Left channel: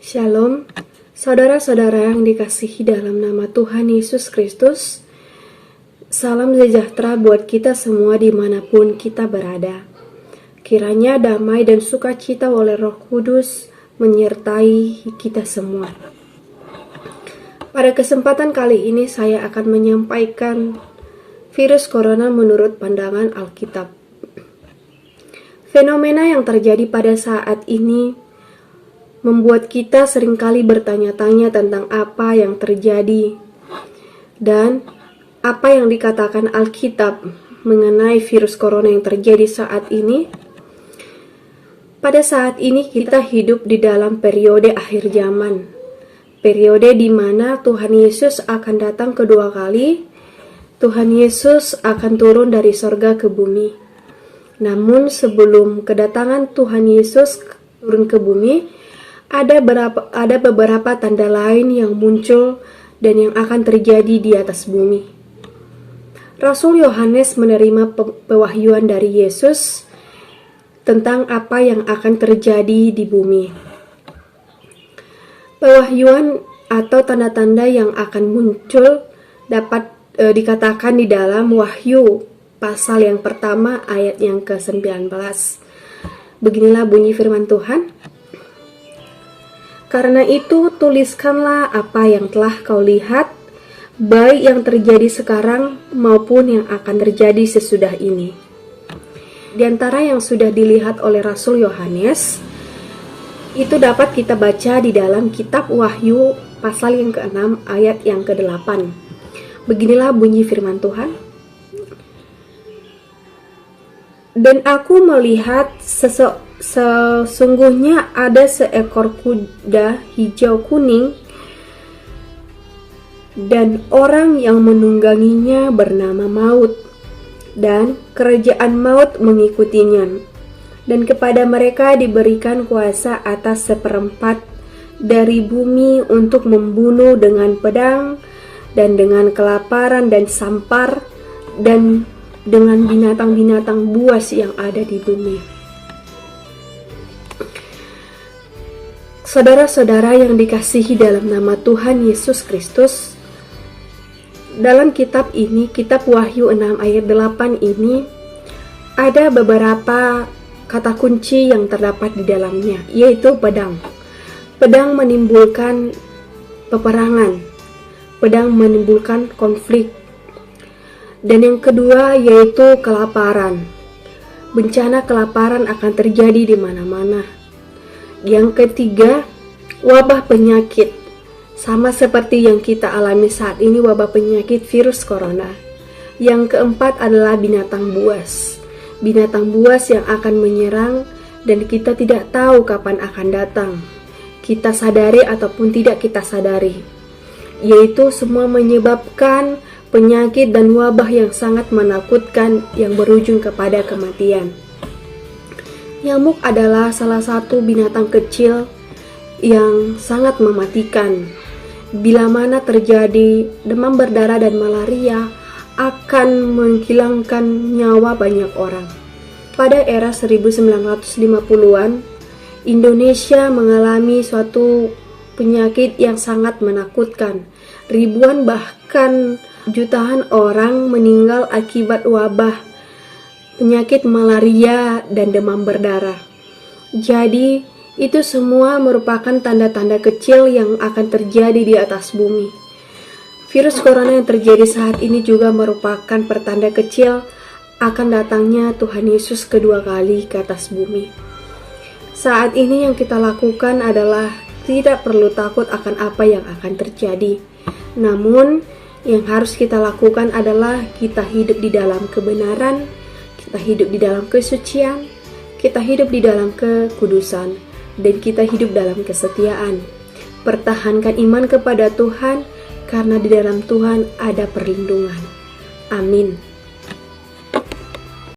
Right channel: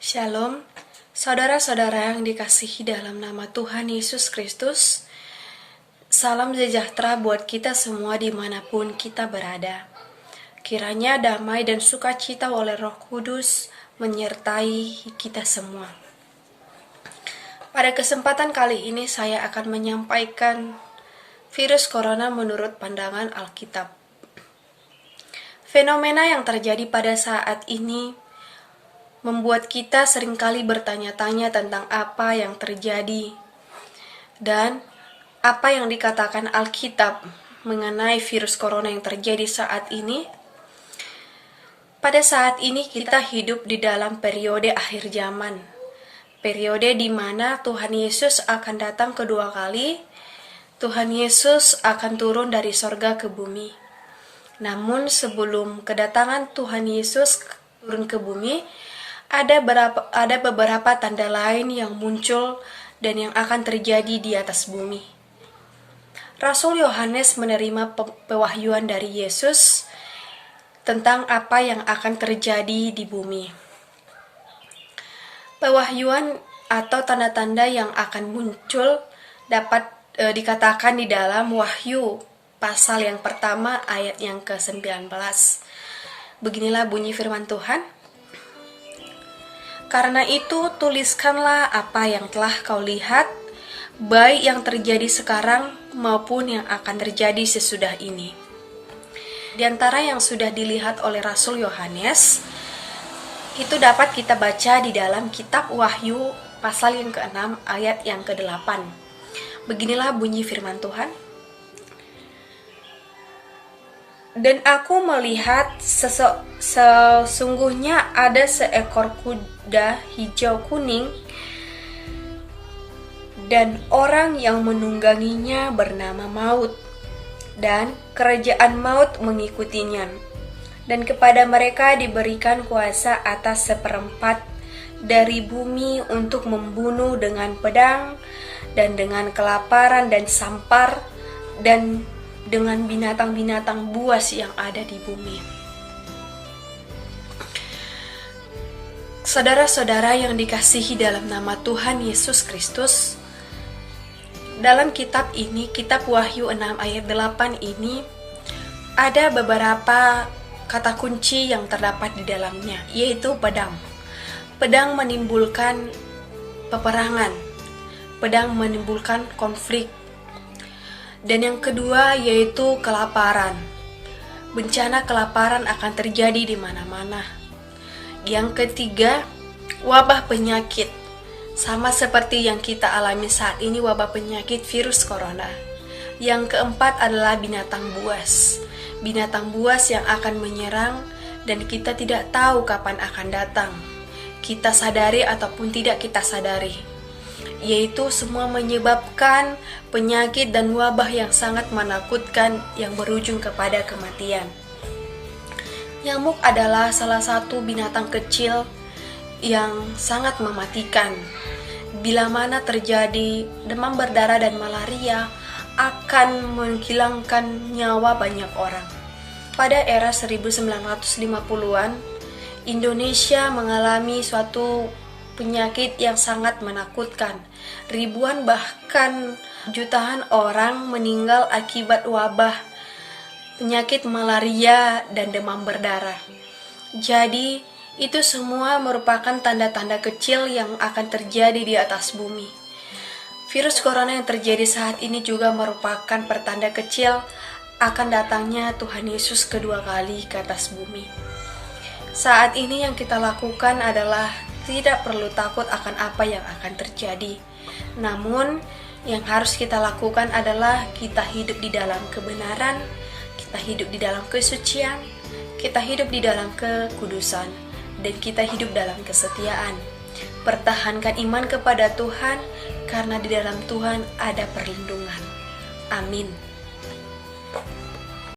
Shalom, saudara-saudara yang dikasihi dalam nama Tuhan Yesus Kristus. Salam sejahtera buat kita semua dimanapun kita berada. Kiranya damai dan sukacita oleh Roh Kudus menyertai kita semua. Pada kesempatan kali ini saya akan menyampaikan virus corona menurut pandangan Alkitab. Fenomena yang terjadi pada saat ini membuat kita seringkali bertanya-tanya tentang apa yang terjadi dan apa yang dikatakan Alkitab mengenai virus corona yang terjadi saat ini. Pada saat ini kita hidup di dalam periode akhir zaman, periode di mana Tuhan Yesus akan datang kedua kali. Tuhan Yesus akan turun dari sorga ke bumi. Namun sebelum kedatangan Tuhan Yesus turun ke bumi, ada beberapa tanda lain yang muncul dan yang akan terjadi di atas bumi. Rasul Yohanes menerima pewahyuan dari Yesus tentang apa yang akan terjadi di bumi. Pewahyuan atau tanda-tanda yang akan muncul dapat dikatakan di dalam Wahyu pasal yang pertama ayat yang ke-19. Beginilah bunyi firman Tuhan. Karena itu tuliskanlah apa yang telah kau lihat, baik yang terjadi sekarang maupun yang akan terjadi sesudah ini. Di antara yang sudah dilihat oleh Rasul Yohanes, itu dapat kita baca di dalam kitab Wahyu pasal yang ke-6 ayat yang ke-8. Beginilah bunyi firman Tuhan. Dan aku melihat sesungguhnya ada seekor kuda hijau kuning, dan orang yang menungganginya bernama Maut, dan kerajaan maut mengikutinya. Dan kepada mereka diberikan kuasa atas seperempat dari bumi untuk membunuh dengan pedang, dan dengan kelaparan dan sampar, dan dengan binatang-binatang buas yang ada di bumi. Saudara-saudara yang dikasihi dalam nama Tuhan Yesus Kristus, dalam kitab ini, kitab Wahyu 6 ayat 8 ini, ada beberapa kata kunci yang terdapat di dalamnya, yaitu pedang. Pedang menimbulkan peperangan, pedang menimbulkan konflik. Dan yang kedua yaitu kelaparan. Bencana kelaparan akan terjadi di mana-mana. Yang ketiga, wabah penyakit. Sama seperti yang kita alami saat ini, wabah penyakit virus corona. Yang keempat adalah binatang buas. Binatang buas yang akan menyerang dan kita tidak tahu kapan akan datang. Kita sadari ataupun tidak kita sadari. Yaitu semua menyebabkan penyakit dan wabah yang sangat menakutkan yang berujung kepada kematian. Nyamuk adalah salah satu binatang kecil yang sangat mematikan. Bila mana terjadi demam berdarah dan malaria, akan menghilangkan nyawa banyak orang. Pada era 1950-an, Indonesia mengalami suatu penyakit yang sangat menakutkan. Ribuan bahkan jutaan orang meninggal akibat wabah penyakit malaria dan demam berdarah. Jadi, itu semua merupakan tanda-tanda kecil yang akan terjadi di atas bumi. Virus corona yang terjadi saat ini juga merupakan pertanda kecil akan datangnya Tuhan Yesus kedua kali ke atas bumi. Saat ini yang kita lakukan adalah tidak perlu takut akan apa yang akan terjadi. Namun, yang harus kita lakukan adalah kita hidup di dalam kebenaran, kita hidup di dalam kesucian, kita hidup di dalam kekudusan, dan kita hidup dalam kesetiaan. Pertahankan iman kepada Tuhan, karena di dalam Tuhan ada perlindungan. Amin.